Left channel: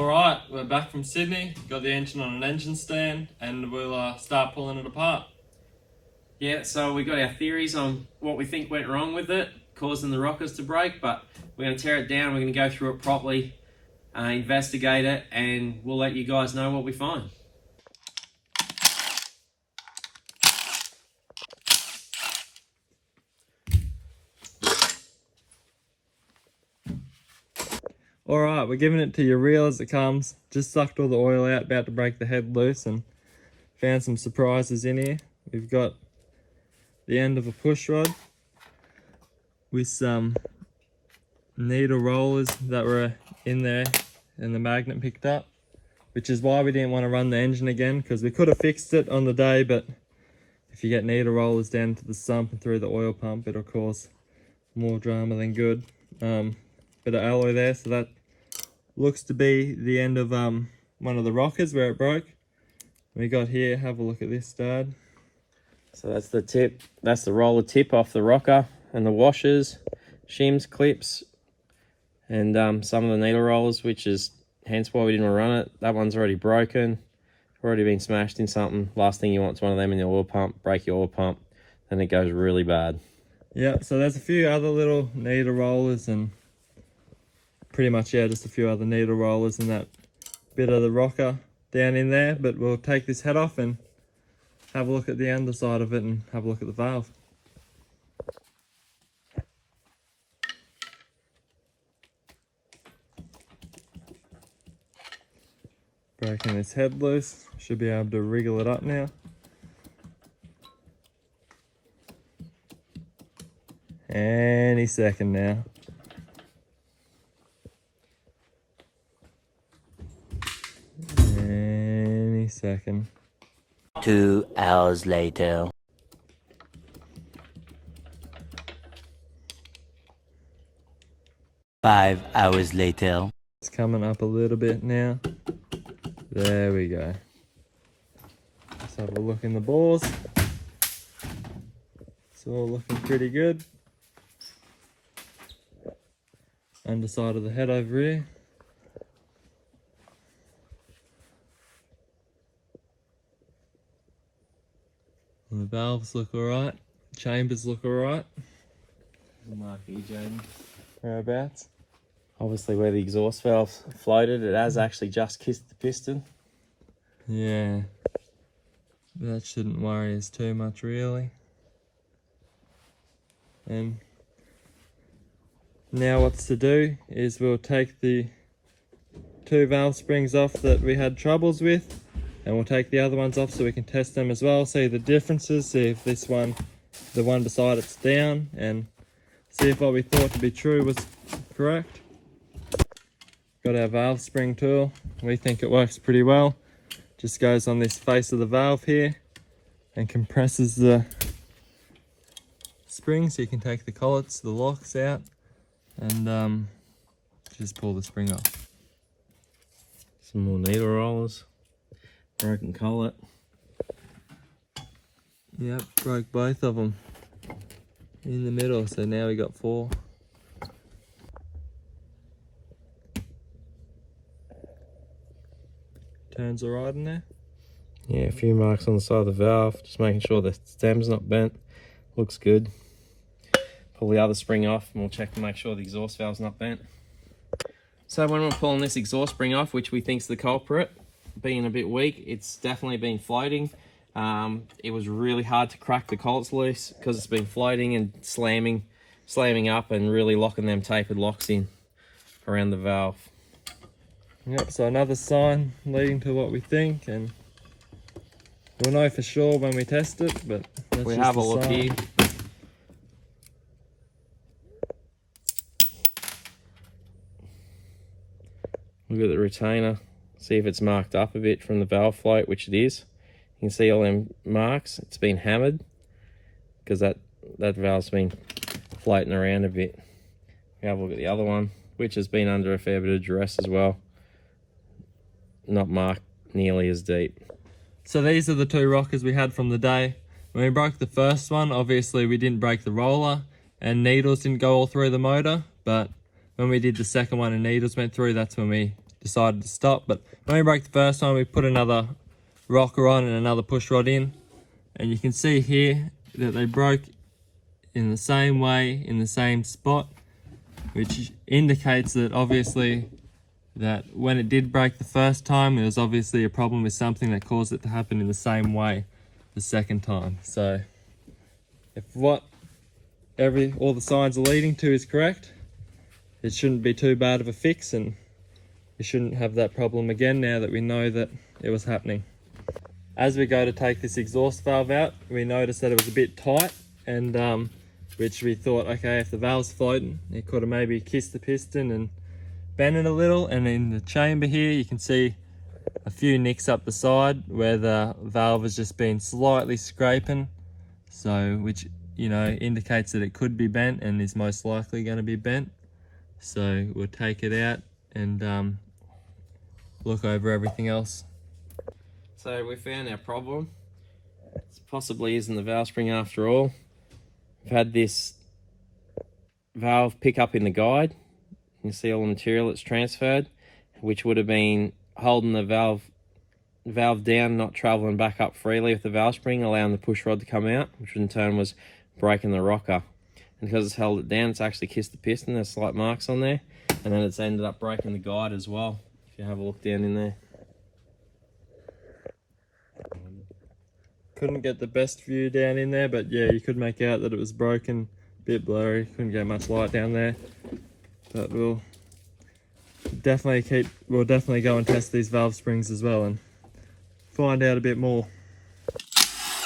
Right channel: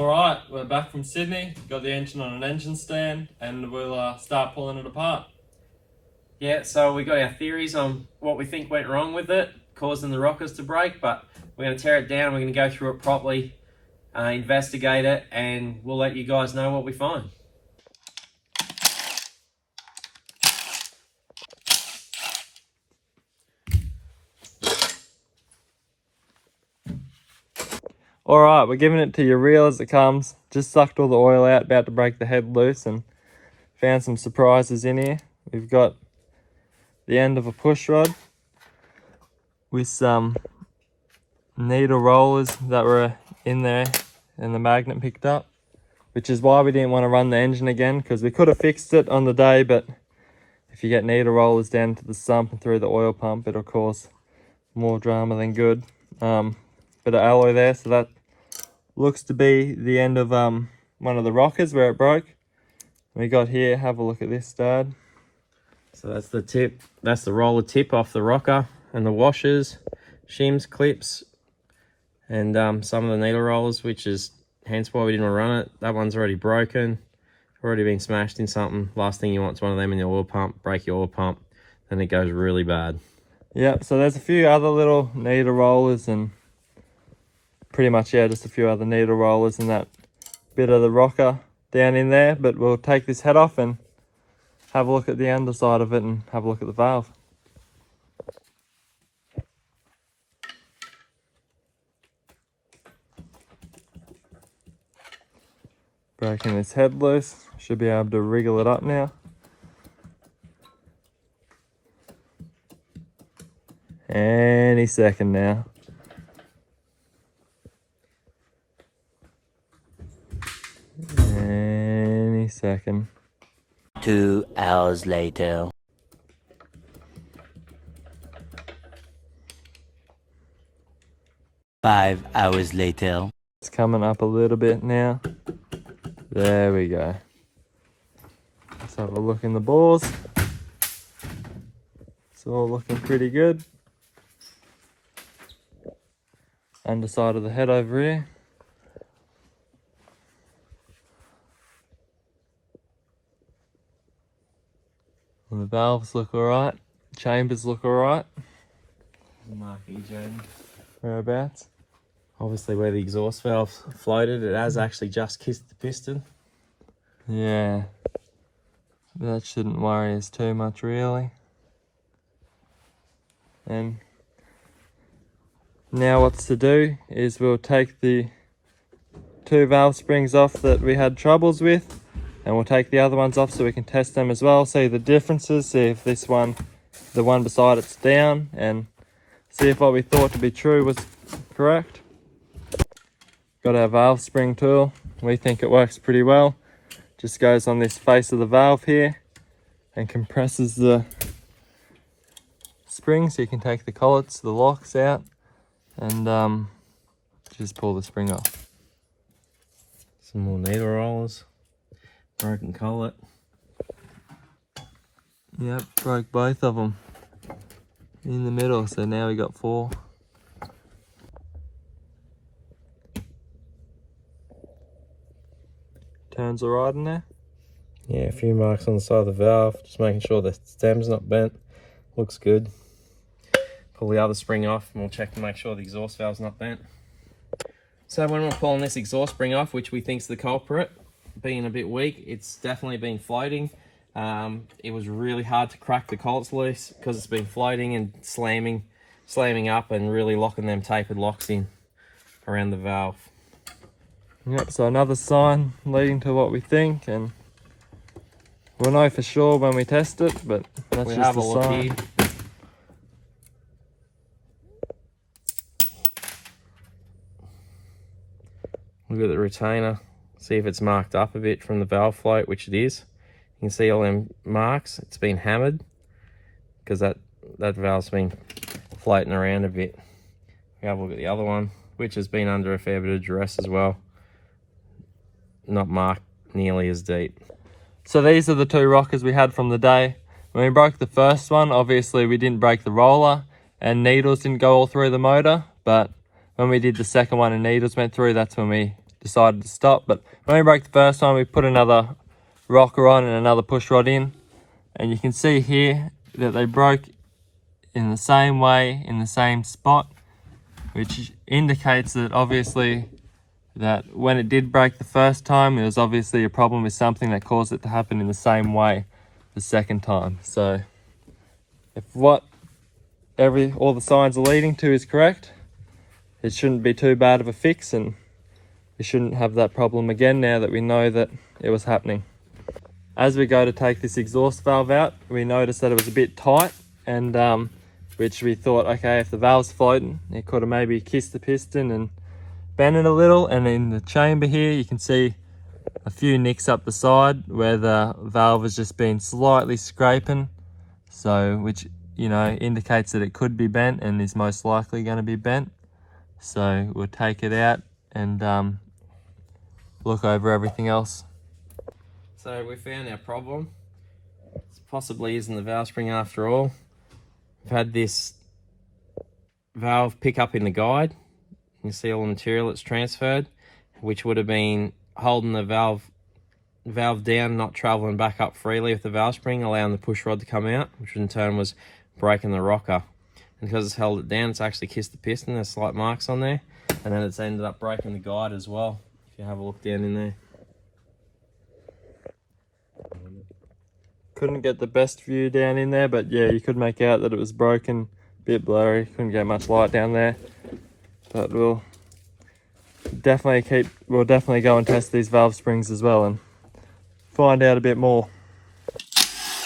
Alright, we're back from Sydney, got the engine on an engine stand, and we'll start pulling it apart. Yeah, so we got our theories on what we think went wrong with it, causing the rockers to break, but we're going to tear it down, we're going to go through it properly, investigate it, and we'll let you guys know what we find. Alright, we're giving it to you real as it comes. Just sucked all the oil out, about to break the head loose, and found some surprises in here. We've got the end of a push rod with some needle rollers that were in there and the magnet picked up, which is why we didn't want to run the engine again, because we could have fixed it on the day, but if you get needle rollers down to the sump and through the oil pump, it'll cause more drama than good. Bit of alloy there, so that looks to be the end of one of the rockers where it broke. We got here, have a look at this, Dad. So that's the tip, that's the roller tip off the rocker, and the washers, shims, clips, and some of the needle rollers, which is hence why we didn't run it. That one's already broken, already been smashed in something. Last thing you want is one of them in your oil pump, break your oil pump, then it goes really bad. Yeah, so there's a few other little needle rollers and pretty much, yeah, just a few other needle rollers and that bit of the rocker down in there, but we'll take this head off and have a look at the underside of it and have a look at the valve. Breaking this head loose, should be able to wriggle it up now. Any second now. Any second. 2 hours later. Five hours later. It's coming up a little bit now. There we go. Let's have a look in the bores. It's all looking pretty good. Underside of the head over here. And the valves look alright. Chambers look alright. Whereabouts? Obviously where the exhaust valve floated, it has actually just kissed the piston. Yeah. That shouldn't worry us too much really. And now what's to do is we'll take the 2 valve springs off that we had troubles with, and we'll take the other ones off so we can test them as well, see the differences, see if this one, the one beside it's down, and see if what we thought to be true was correct. Got our valve spring tool. We think it works pretty well. Just goes on this face of the valve here and compresses the spring so you can take the collets, the locks out, and just pull the spring off. Some more needle rollers. Broken collet. Yep, broke both of them in the middle, so now we got 4. Turns alright in there. Yeah, a few marks on the side of the valve, just making sure the stem's not bent. Looks good. Pull the other spring off and we'll check to make sure the exhaust valve's not bent. So when we're pulling this exhaust spring off, which we think's the culprit, being a bit weak, it's definitely been floating. It was really hard to crack the collets loose because it's been floating and slamming up and really locking them tapered locks in around the valve. Yep, so another sign leading to what we think, and we'll know for sure when we test it, but that's we just have a sign. look here. Look at the retainer, see if it's marked up a bit from the valve float, which it is. You can see all them marks. It's been hammered because that valve's been floating around a bit. We have a look at the other one, which has been under a fair bit of duress as well. Not marked nearly as deep. So these are the 2 rockers we had from the day. When we broke the first one, obviously we didn't break the roller and needles didn't go all through the motor, but when we did the second one and needles went through, that's when we decided to stop. But when we broke the first time, we put another rocker on and another push rod in, and you can see here that they broke in the same way, in the same spot, which indicates that obviously that when it did break the first time, it was obviously a problem with something that caused it to happen in the same way the second time. So if what all the signs are leading to is correct, it shouldn't be too bad of a fix, and we shouldn't have that problem again now that we know that it was happening. As we go to take this exhaust valve out, we noticed that it was a bit tight, and which we thought, okay, if the valve's floating, it could have maybe kissed the piston and bent it a little. And in the chamber here, you can see a few nicks up the side where the valve has just been slightly scraping, so which, you know, indicates that it could be bent and is most likely going to be bent. So we'll take it out and look over everything else. So we found our problem. It possibly isn't the valve spring after all. We've had this valve pick up in the guide. You can see all the material that's transferred, which would have been holding the valve down, not traveling back up freely with the valve spring, allowing the push rod to come out, which in turn was breaking the rocker. And because it's held it down, it's actually kissed the piston. There's slight marks on there, and then it's ended up breaking the guide as well. If you have a look down in there. Couldn't get the best view down in there, but yeah, you could make out that it was broken, a bit blurry, couldn't get much light down there. But we'll definitely go and test these valve springs as well and find out a bit more.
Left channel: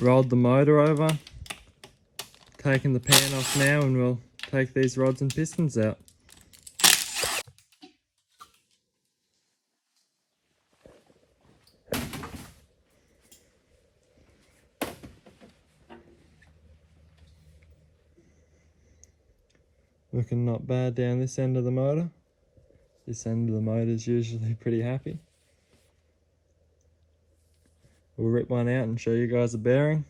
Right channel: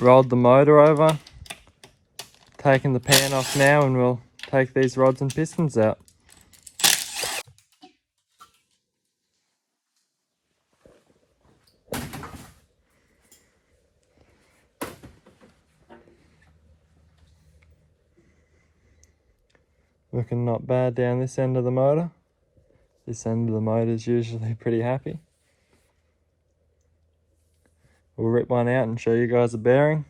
Rolled the motor over, taking the pan off now, and we'll take these rods and pistons out. Looking not bad down this end of the motor. This end of the motor is usually pretty happy. We'll rip one out and show you guys a bearing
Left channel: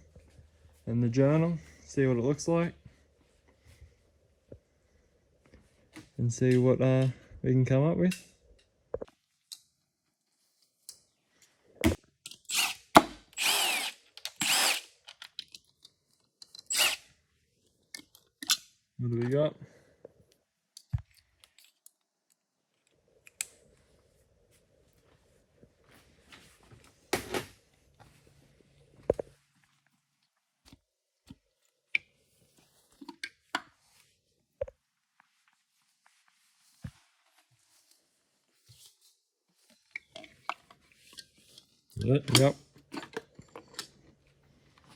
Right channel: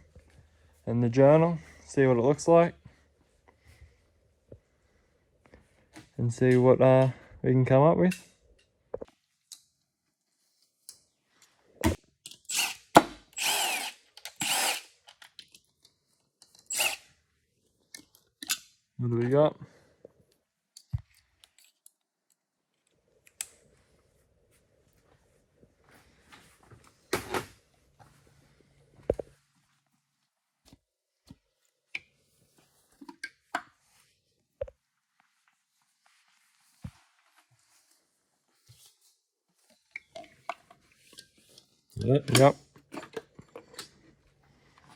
and the journal, see what it looks like, and see what we can come up with. What do we got? Yep.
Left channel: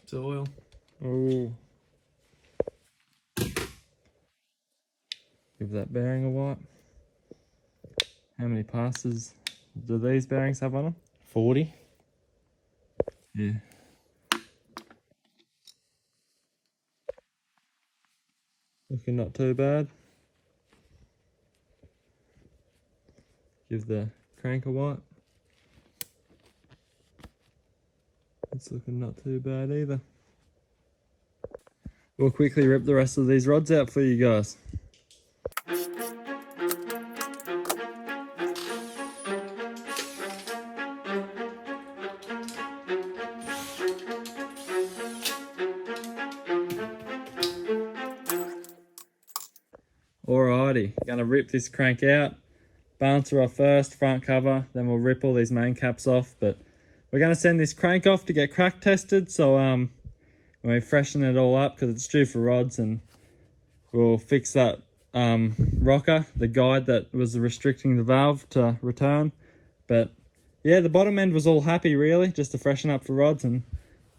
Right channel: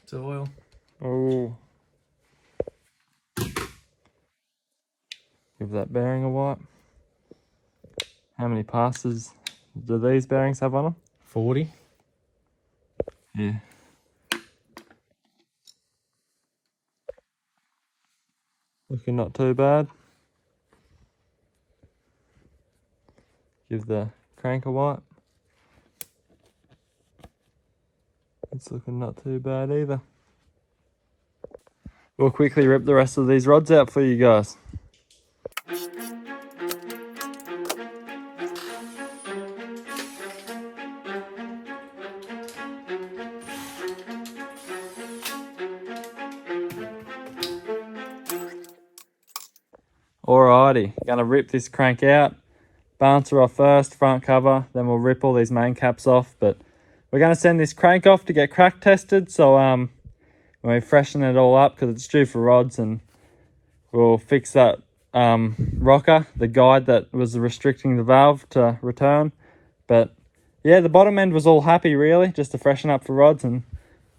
It's oil. Oh. Give that bearing a wipe. How many passes do these bearings have on them? 40. Yeah. Looking not too bad. Give the crank a wipe. It's looking not too bad either. We'll quickly rip the rest of these rods out for you guys. Alrighty, gonna rip this crank out. Balancer off first, front cover, then we'll rip all these main caps off. But we're gonna send this crank off to get crack tested. So when we freshen it all up, because it's due for rods, and we'll fix that rocker, the guide that was restricting the valve to return. But yeah, the bottom end was all happy really, just to freshen up for rods, and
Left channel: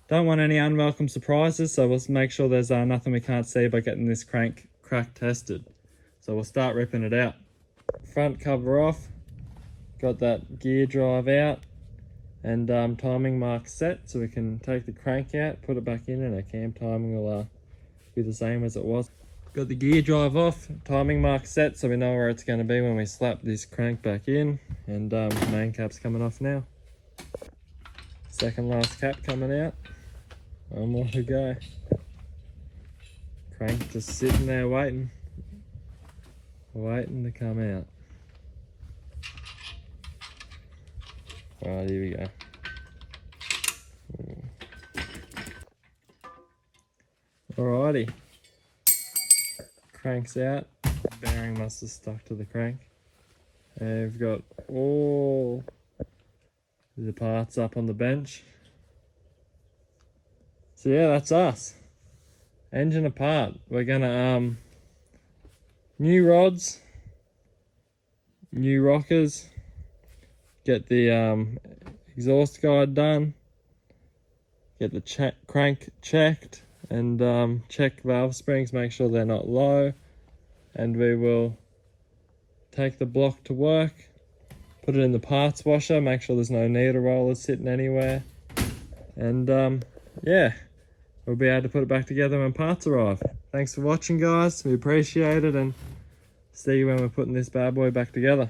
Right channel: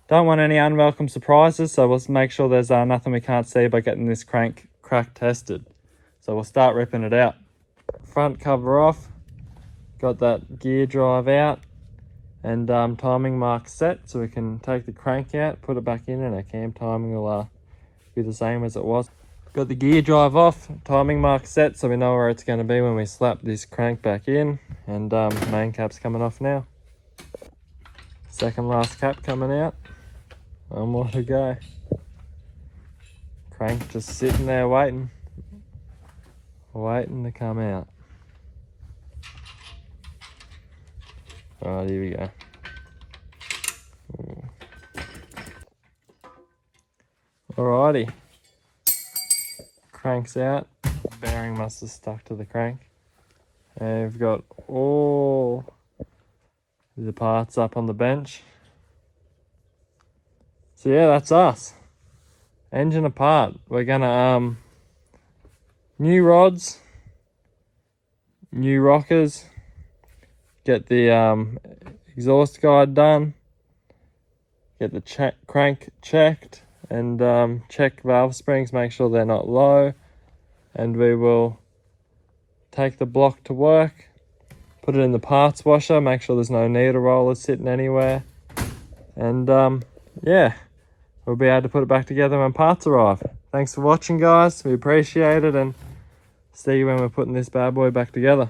don't want any unwelcome surprises. So we'll make sure there's nothing we can't see by getting this crank crack tested. So we'll start ripping it out. Front cover off, got that gear drive out, and timing mark set, so we can take the crank out, put it back in, and our cam timing will be the same as it was. Got the gear drive off, timing mark set, so we know where it's going to be when we slap this crank back in, and main cap's coming off now. Second last cap coming out. One more to go. Crank just sitting there waiting to come out. Alright, here we go. Alrighty. Crank's out. Bearing must have stuck to the crank. And we've got all the parts up on the bench. So yeah, that's us. Engine apart. We're gonna new rods, new rockers, get the exhaust guide done, get the crank checked, and check valve springs, make sure they're not low, and we will take the block to work, put it in the parts washer, make sure there's no needle rollers sitting anywhere, and yeah, we'll be able to put it back together when parts arrive. Thanks for watching, guys. We appreciate it, and see you when we're putting this bad boy back together.